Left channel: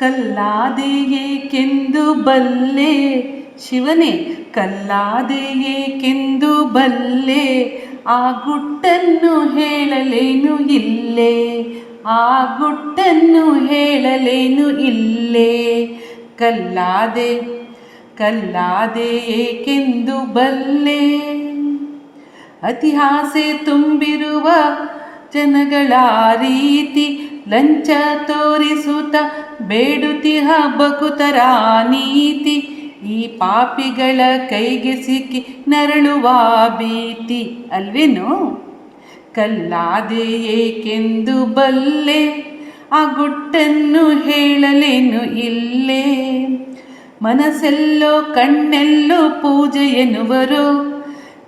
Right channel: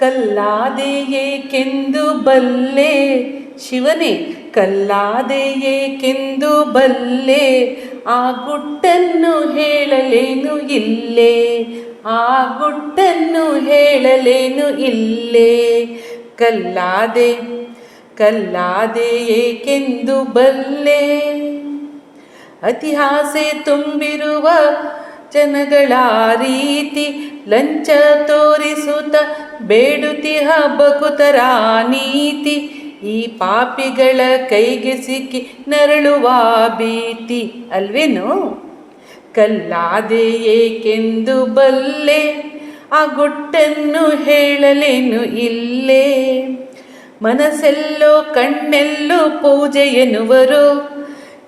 ಕಲ್ಲಾದೆ ಏಕೆಂದು ಬಲ್ಲೆ ಶಿವನೇ, ಕಲ್ಲಾದೆ ಏಕೆಂದು ಬಲ್ಲೆ, ಆ ಗುಟ್ಟನ್ನು ಹೇಳಲೇನು ಇಲ್ಲೇ, ಆ ಗುಟ್ಟನ್ನು ಹೇಳಲೇನು ಇಲ್ಲೇ. ಕಲ್ಲಾದೆ ಕಲ್ಲಾದೆ ಏಕೆಂದು ಬಲ್ಲೆ. ಅತಿಹಾಸೆ ತುಂಬಿರುವ ಜನಗಳ ರೀತಿ, ಲಂಚ ತೋರಿಸುತ್ತ ಬೇಡುತಿಹ ಬಕುತರ ನೀತಿ, ಈ ಪಾಪಿಗಳ ಕೈಗೆ ಸಿಕ್ಕಿ ನರಳುವ ಭೀತಿ ಅಲ್ವೇನು. ಕಲ್ಲಾದೆ ಏಕೆಂದು ಬಲ್ಲೆ, ಆ ಗುಟ್ಟನ್ನು ಹೇಳಲೇನು ಇಲ್ಲೇ. ಮನಸ್ಸೆಲ್ಲೋ ಕಣ್ಣೆಲ್ಲೋ ಪೂಜೆ ಎನ್ನುವರು,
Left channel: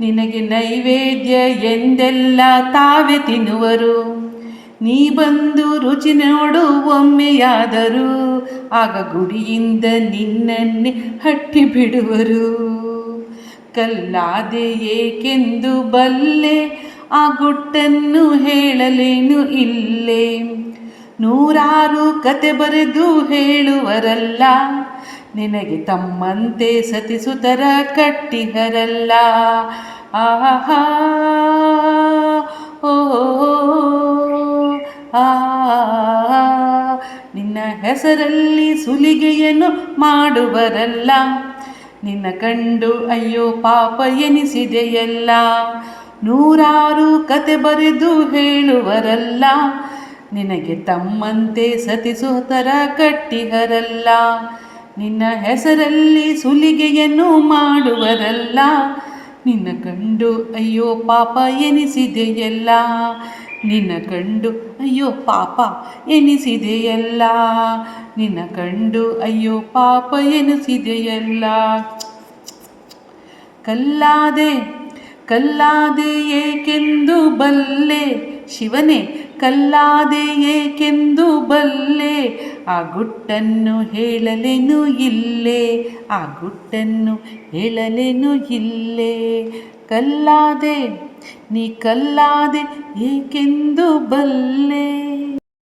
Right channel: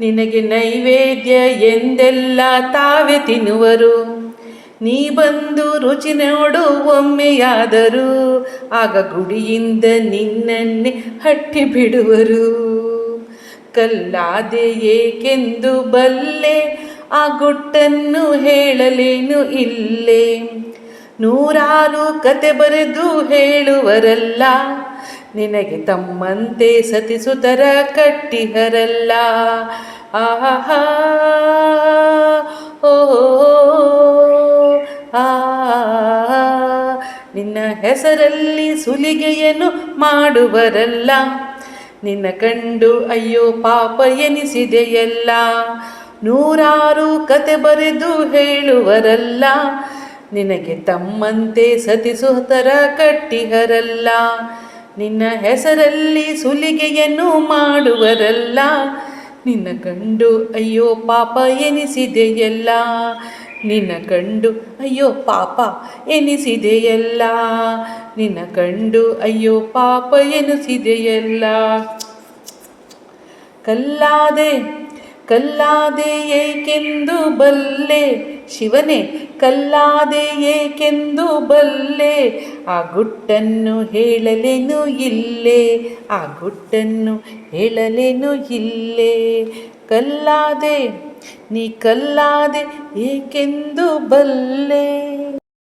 ನಿನಗೆ ನೈವೇದ್ಯ ಎಂದೆಲ್ಲ ತಾವೇ ತಿನ್ನುವರು. ನೀ ಬಂದು ರುಚಿ ನೋಡು ಒಮ್ಮೆಯಾದರೂ, ಆಗ ಗುಡಿಯಿಂದ ನಿನ್ನನ್ನೇ ಹಟ್ಟಿ ಬಿಡುವರು. ಕಲ್ಲಾದೆ ಏಕೆಂದು ಬಲ್ಲೆ, ಆ ಗುಟ್ಟನ್ನು ಹೇಳಲೇನು ಇಲ್ಲೇ. ನೂರಾರು ಕತೆ ಬರೆದು ಹೇಳುವರಲ್ಲ, ನಿನಗೆ ತಮ್ಮಂತೆ ಸತಿಸುತರ ಕಟ್ಟಿಹರಲ್ಲ. ಆಹಾ ಓ ಆ ನಿನ್ನ ಹೆಸರಲ್ಲಿ ಸುಲಿಗೆಯನ್ನು ಮಾಡುವರಲ್ಲ, ನಿನ್ನ ಕಂಡು ಅಯ್ಯೋ ಪಾಪ ಎನಿಸಿದೆಯಲ್ಲ. ನೂರಾರು ಕತೆ ಬರೆದು ಹೇಳುವರಲ್ಲ, ನಿನಗೆ ತಮ್ಮಂತೆ ಸತಿಸುತರ ಕಟ್ಟಿಹರಲ್ಲ. ನಿನ್ನ ಹೆಸರಲ್ಲಿ ಸುಲಿಗೆಯನ್ನು ಮಾಡುವರಲ್ಲ, ನಿನ್ನ ಕಂಡು ಅಯ್ಯೋ ಪಾಪ ಎನಿಸಿದೆಯಲ್ಲ. ನಿನ್ನ ಕಂಡು ಅಯ್ಯೋ ಪಾಪ ಎನಿಸಿದೆಯಲ್ಲ, ನಿನ್ನ ಕಂಡು ಅಯ್ಯೋ ಪಾಪ ಎನಿಸಿದೆಯಲ್ಲ. ಕಲ್ಲಾದೆ ಕಲ್ಲಾದೆ ಏಕೆಂದು ಬಲ್ಲೆ ಶಿವನೇ, ಕಲ್ಲಾದೆ ಏಕೆಂದು ಬಲ್ಲೆ, ಆ ಗುಟ್ಟನ್ನು ಹೇಳಲೇನು ಇಲ್ಲೇ, ಆ ಗುಟ್ಟನ್ನು ಹೇಳಲೇನು ಇಲ್ಲೇ. ಕಲ್ಲಾದೆ ನೀ ಕಲ್ಲಾದೆ ಏಕೆಂದು ಬಲ್ಲೆ.